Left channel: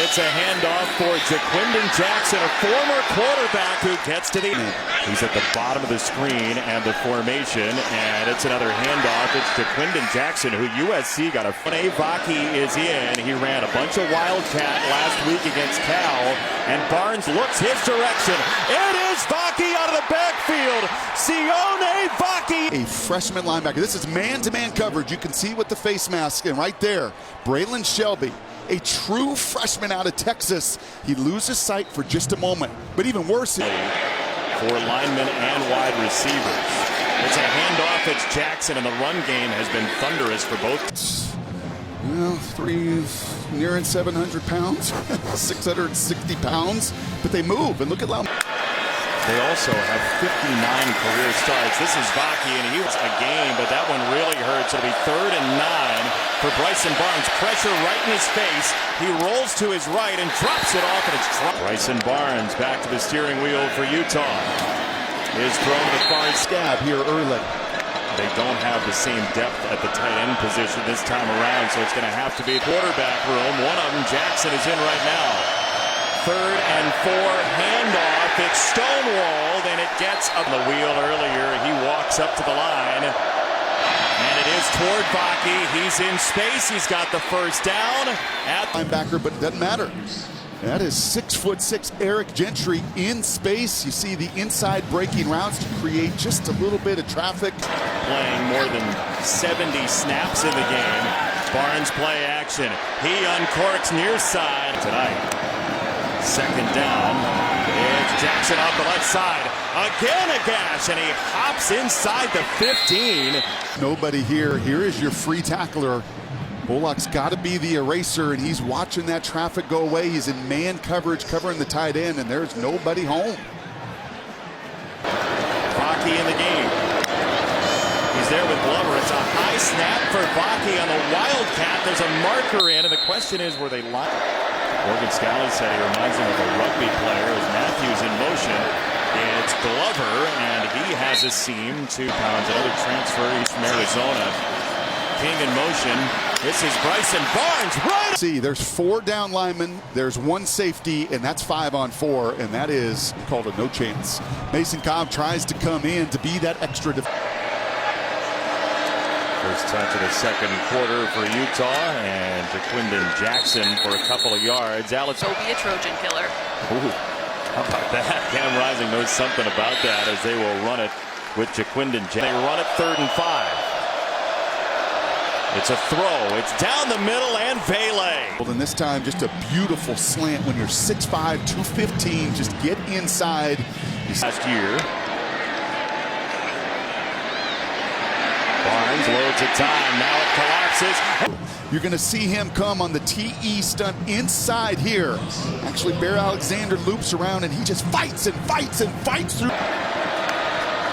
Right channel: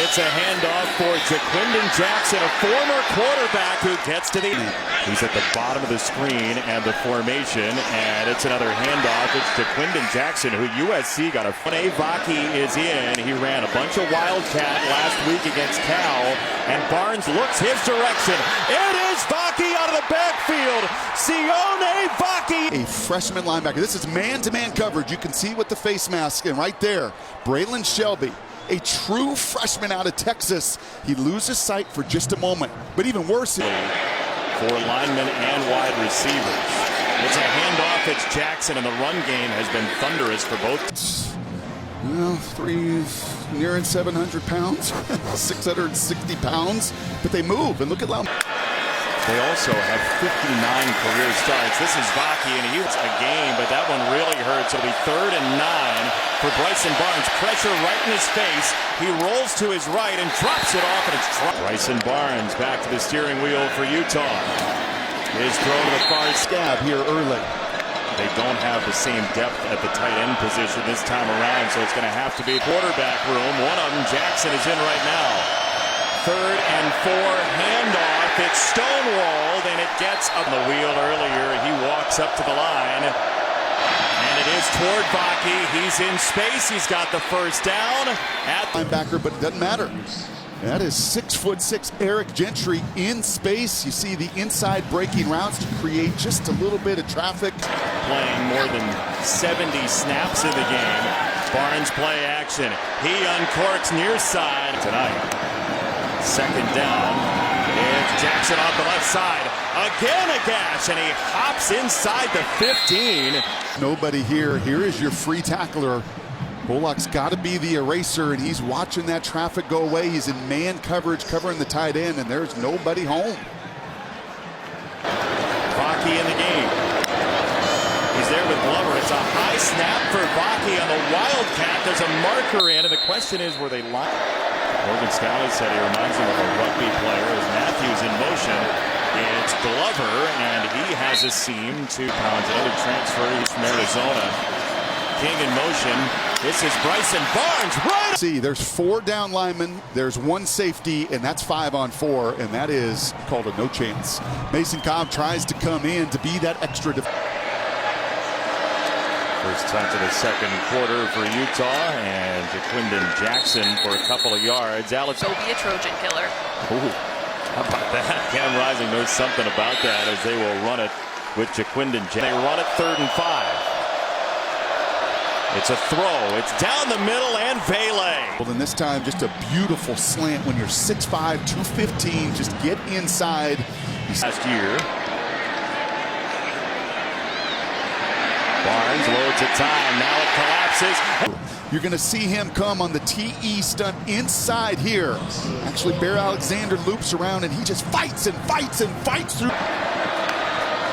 it's a handoff for Jaquindon Jackson, a former quarterback who gets to the... He's at the bottom of the screen and the formation, and it's another handoff. It's Jaquindon Jackson, who USC got a... Vaki is in. He ran a bunch of Wildcat last week against Cal, and Barnes looks his direction. It is Vaki out of the backfield. Sione Vaki. A freshman linebacker. This is man-to-man coverage. You can see with the face mask, and right there, Braylon Shelby, a true freshman out of Texas. He loses sight for just a moment, but even worse... For linemen and wide receivers. It's a handoff. It's Jackson, and the run game has been thunderous for both. Well, nearing 700 pounds, 660 pounds, but they move, and look at Laumea. They also have 59 career starts. This is Vaki, and he was a game, but that one really hurts. It'll be 3rd and 9 for Bryson Barnes. Pressure right in his face. He rolls to his right and drops it off, and it's dropped. Bryson Barnes back to the steering wheel for Utah. His throw to the far scab here early. They don't have the same depth at the tight end position this time around, so it's going to have to be a quarterback room. One of them, Jackson, is in right now. 3rd and 4, handoff. It's stonewalled, and it gets up the wheel earlier. He walks up to the line, and it is toward Vaki. He's in space. He's got the first down. At linebacker, but it doesn't matter. That is 6'6" Eric Gentry in space. You see the inside breaking routes to create just a little bit of traffic. Playing more than 70 snaps in the game. Barnes play action. He uncorks near side tonight. 2nd down. It's Jackson off the left side. Again a gash, and he hops inside the 15. Nobody here. Here is your free tackler. Bullock's got to be the eraser, and he's watching that traffic go away. He's in man coverage, covering the tight end, and there's nobody home. Vaki in the game. He's there with Glover. It's a high snap for Vaki on the Wildcat. There's a marker in, and the question is, were they locked? Morgan Scally said he reminds him of a rugby player as Matthews in motion. It's Glover, and he has a seam, 2 pounds. Another transfer. He's from Arizona. King in motion. This is Bryson Barnes. Right. See, there's 4 down linemen. There's 1 safety, and that's 5 on 4, and that is called a no chance. Mason Cobb tries to come in to be that extra. First touch of the 2nd quarter for Utah, and Jaquindon Jackson for a couple of yards. Alex, go be a Trojan killer. Ooh, how about that? Cam Rising knows something about that, as they will run it with Jaquindon Jackson. They run it 3rd and 5. It's a throw. It's down the middle, and Vele. Well, and this time, just a beautiful slant when you're 6'5", 215. Just get inside. Last year. Barnes loads at time. Now it collapses. You're going to see him come on the TE stunt inside here. Actually, Bear Alexander loops around, and he just fights and fights and fights through.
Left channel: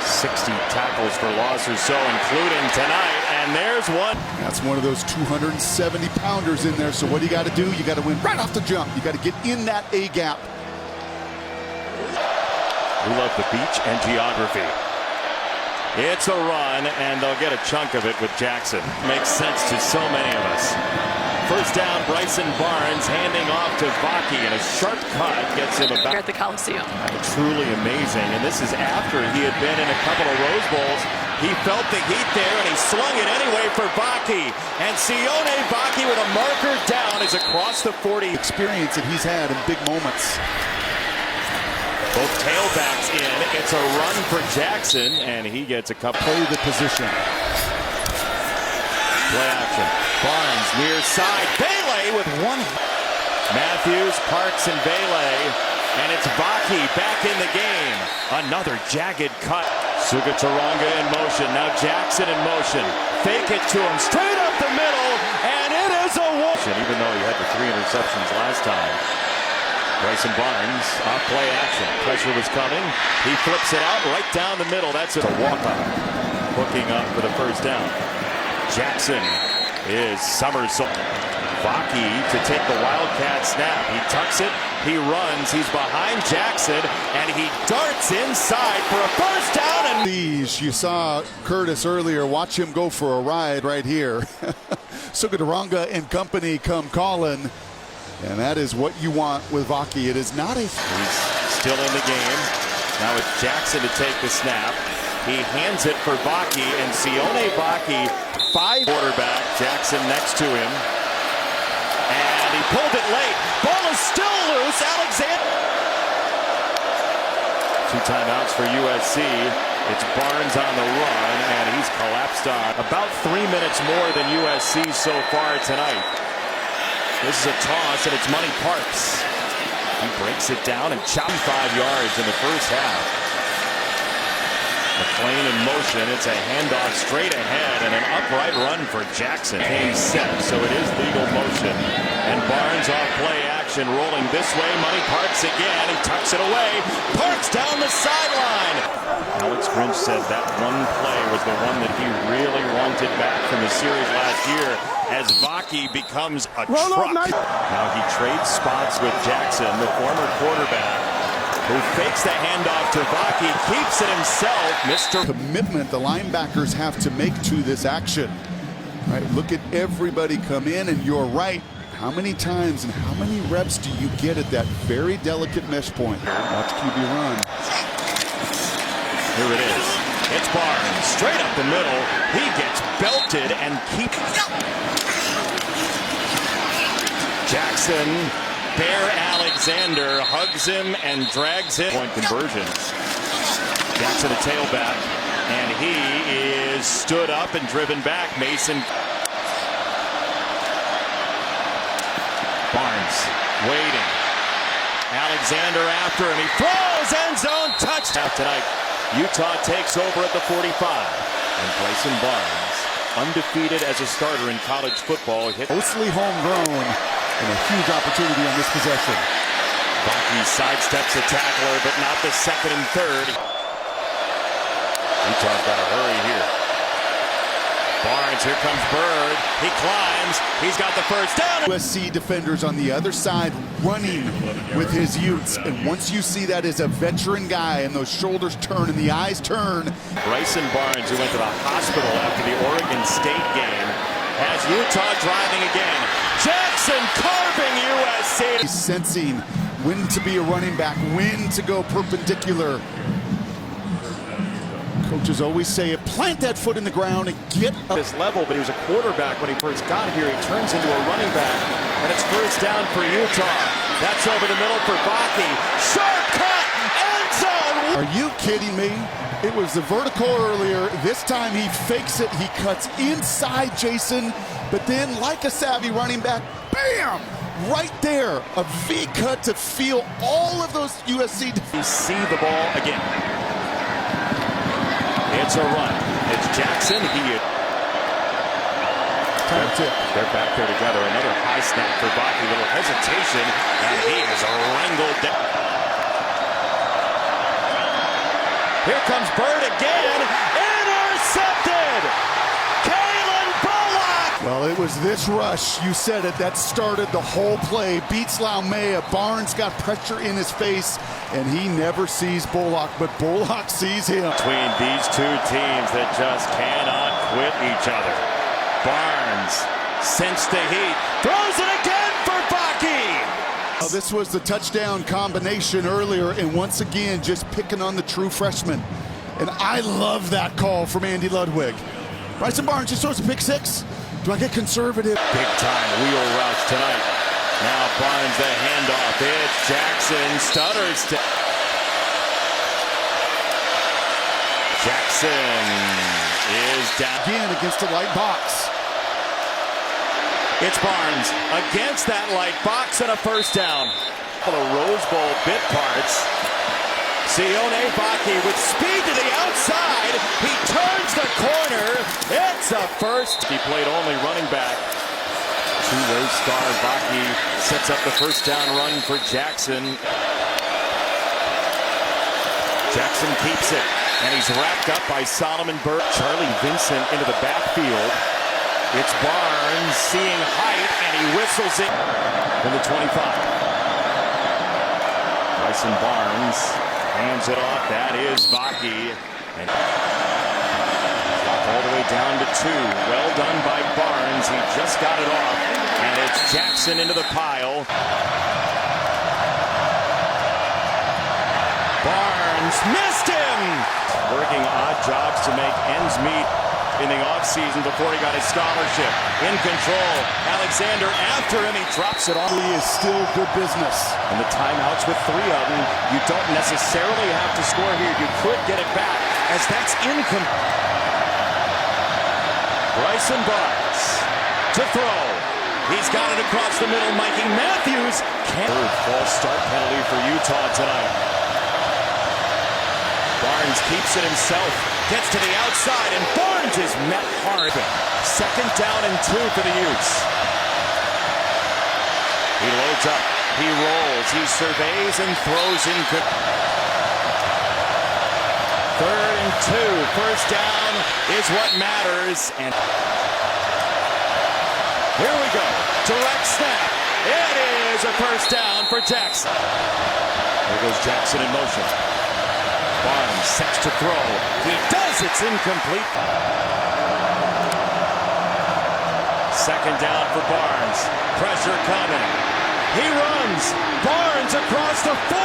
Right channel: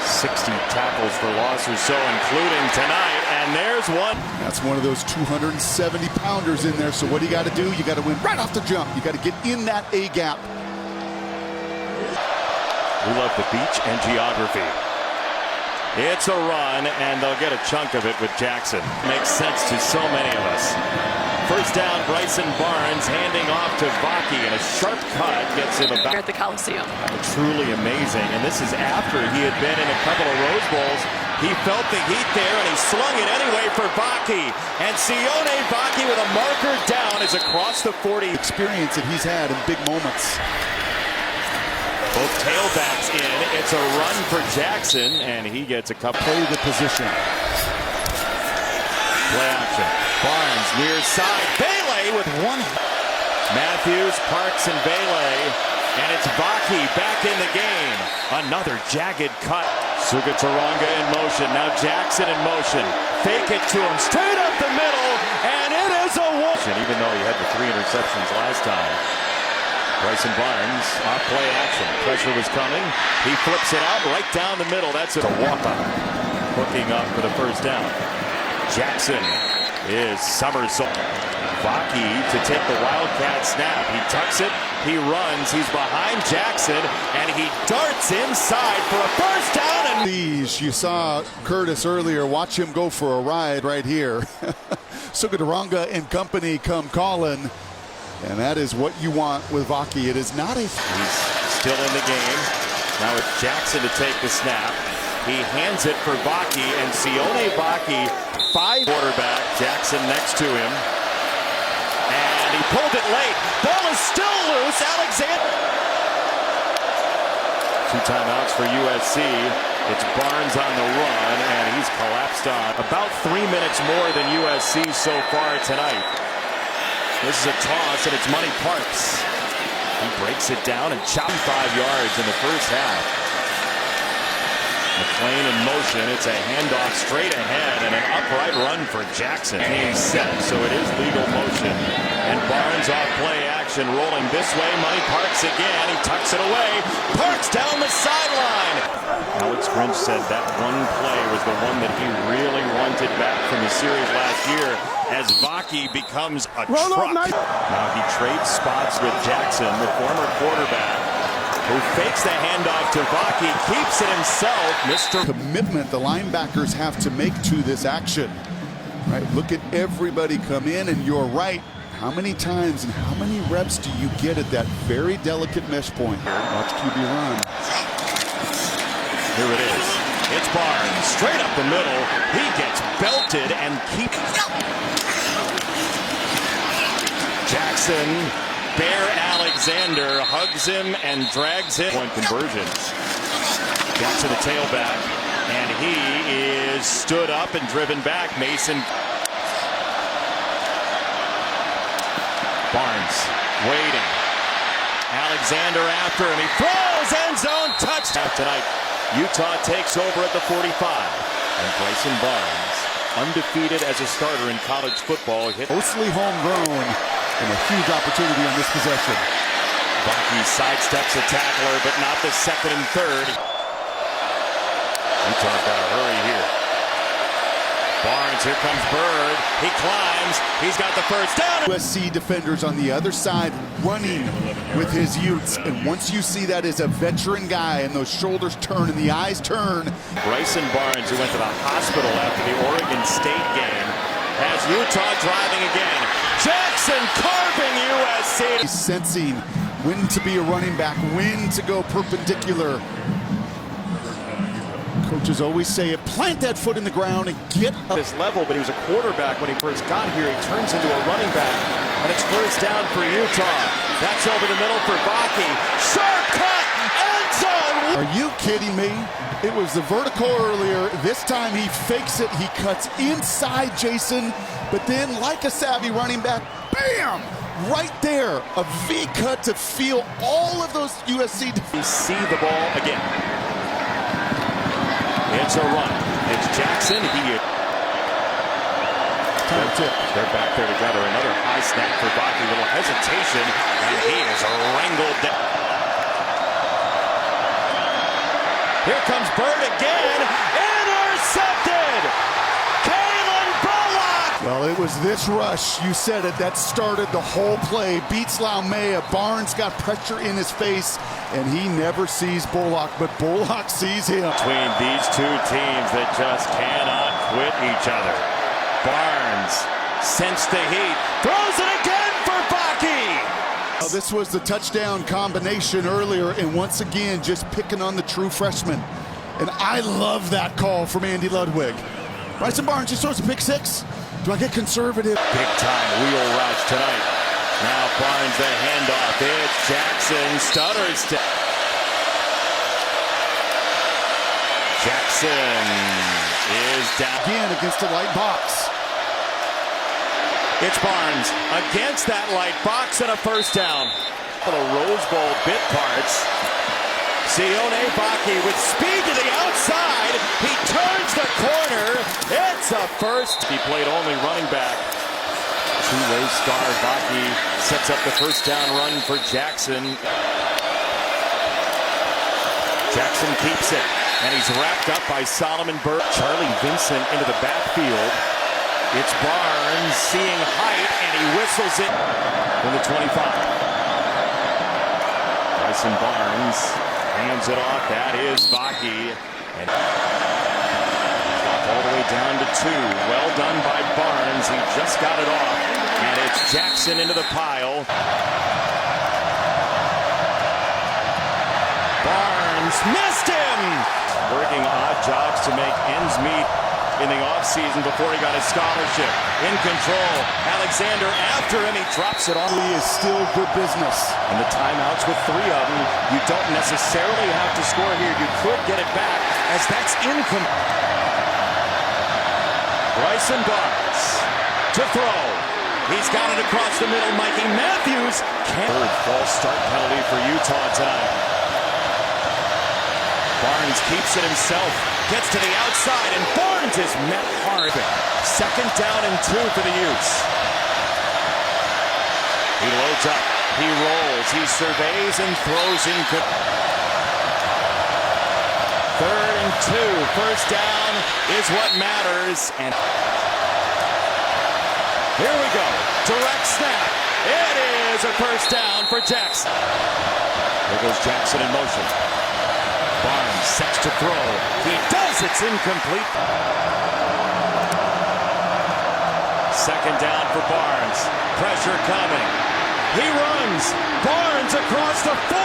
60 tackles for loss or so, including tonight, and there's one. That's one of those 270-pounders in there, so what do you got to do? You got to win right off the jump. You got to get in that A gap. We love the beach and geography. It's a run, and they'll get a chunk of it with Jackson. Makes sense to so many of us. First down, Bryson Barnes handing off to Vaki, and a sharp cut gets him about. At the Coliseum. Truly amazing, and this is after he had been in a couple of Rose Bowls. He felt the heat there, and he slung it anyway for Vaki. And Sione Vaki with a marker down is across the 40. Experience that he's had in big moments. Both tailbacks in. It's a run for Jackson, and he gets a couple. Play the position. Play action. Barnes near side. Vele with one. Matthews, Parks, and Vele. And it's Vaki back in the game. Another jagged cut. Sugataranga in motion. Now Jackson in motion. Fake it to him. Straight up the middle. And it is a one. Even though he had the 3 interceptions last time. Bryson Barnes, off play action. Pressure was coming. He flips it out right down the middle. That's a walk-on. Hooking up for the first down. Jackson is somersault. Vaki to take the Wildcat snap. He tucks it. He runs. He's behind Jackson, and he darts inside for a first down. And you saw Curtis earlier. Watch him go for a ride right here. Sugataranga and company come calling. And that is what you want with Vaki. It is not a... He's still in the game. Now it's Jackson to take the snap. He hands it for Vaki, and Sione Vaki, 5 quarterback. Jackson next to him. And he pulled it late. Ball is still loose. Alexander. 2 timeouts for USC. It's Barnes on the run, and he's collapsed on. About 3 minutes more than USC so far tonight. This is a toss, and it's Money Parks. He breaks it down and chops 5 yards in the first half. McLean in motion. It's a handoff straight ahead and an upright run for Jackson. Game set, so it is legal motion. And Barnes off play action, rolling this way. Money Parks again. He tucks it away. Parks down the sideline. Alex Grinch said that one play was the one that he really wanted back from the series last year, as Vaki becomes a truck. Now he trades spots with Jackson, the former quarterback, who fakes the handoff to Vaki, keeps it himself. Mr. commitment the linebackers have to make to this action. Right, look at everybody come in, and you're right. How many times and how many reps do you get at that very delicate mesh point? Watch QB run. Here it is. It's Barnes, straight up the middle. He gets belted and keeps... Jackson, Bear Alexander hugs him and drags him. Point conversion. Jackson, the tailback, and he is stood up and driven back. Mason. Barnes waiting. Alexander after him. He throws, end zone, touchdown tonight. Utah takes over at the 45. And Bryson Barnes, undefeated as a starter in college football, hit mostly homegrown, and a huge opportunity on this possession. Vaki sidesteps a tackler, but not the second and third. Utah's got to hurry here. Barnes, here comes Bird. He climbs. He's got the first down. USC defenders on the other side running with his Utes. And once you see that as a veteran guy and those shoulders turn and the eyes turn. Bryson Barnes, who went to the hospital after the Oregon State game, has Utah driving again. Jackson carving USC. He's sensing when to be a running back, when to go perpendicular. Coaches always say it, plant that foot in the ground and get up. This level, but he was a quarterback when he first got here. He turns into a running back, and it's first down for Utah. That's over the middle for Vaki. Sharp cut, end zone. Are you kidding me? It was the vertical earlier. This time he fakes it. He cuts inside Jason, but then like a savvy running back, bam! Right there, a V cut to feel all of those USC. You see the ball again. It's a run. It's Jackson. They're back there together. Another high snap for Vaki. Little hesitation, and he is wrangled down. Here comes Bird again. Intercepted. Calen Bullock. Well, it was this rush. You said it. That started the whole play. Beats Laumea. Barnes got pressure in his face, and he never sees Bullock, but Bullock sees him. Between these two teams that just cannot quit each other. Barnes sensed the heat. Throws it again for Vaki. This was the touchdown combination earlier, and once again, just picking on the true freshman. And I love that call from Andy Ludwig. Bryson Barnes just throws a pick six. Do I get conservative? Big time wheel routes tonight. Now Barnes the handoff. It's Jackson. Stutters. Jackson is down. Again against the light box. It's Barnes against that light box and a first down. For the Rose Bowl bit parts. Sione Vaki with speed to the outside. He turns the corner. It's a first. He played only running back. Two-way star Vaki sets up the first down run for Jackson. Jackson keeps it, and he's wrapped up by Solomon Bird. Charlie Vincent into the backfield. It's Barnes seeing height, and he whistles it from the 25. Bryson Barnes hands it off. That is Vaki. And clock all the way down to 2. Well done by Barnes. He just got it off. And it's Jackson into the pile. Barnes missed him! Working odd jobs to make ends meet in the offseason before he got his scholarship. In control, Alexander after him, he drops it on. He is still good business. And the timeouts with 3 of them, you don't necessarily have to score here. You could get it back as that's incomplete. Bryson Barnes to throw. He's got it across the middle. Mikey Matthews can't. Third false start penalty for Utah tonight. Barnes keeps it himself, gets to the outside, and Barnes is met hard. 2nd down and 2 for the Utes. He loads up, he rolls, he surveys and throws in. 3rd and 2, 1st down is what matters. And here we go, direct snap. It is a 1st down for Jackson. There goes Jackson in motion. Barnes sets to throw. He does. It's incomplete. 2nd down for Barnes. Pressure coming. He runs. Barnes across the 40,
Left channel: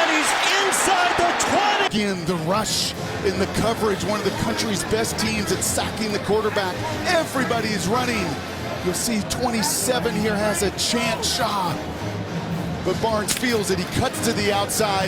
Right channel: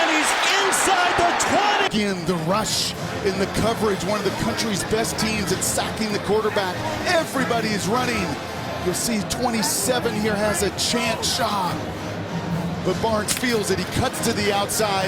and he's inside the 20. Again, the rush in the coverage, one of the country's best teams at sacking the quarterback. Everybody is running. You'll see 27 here has a chance shot. But Barnes feels it. He cuts to the outside.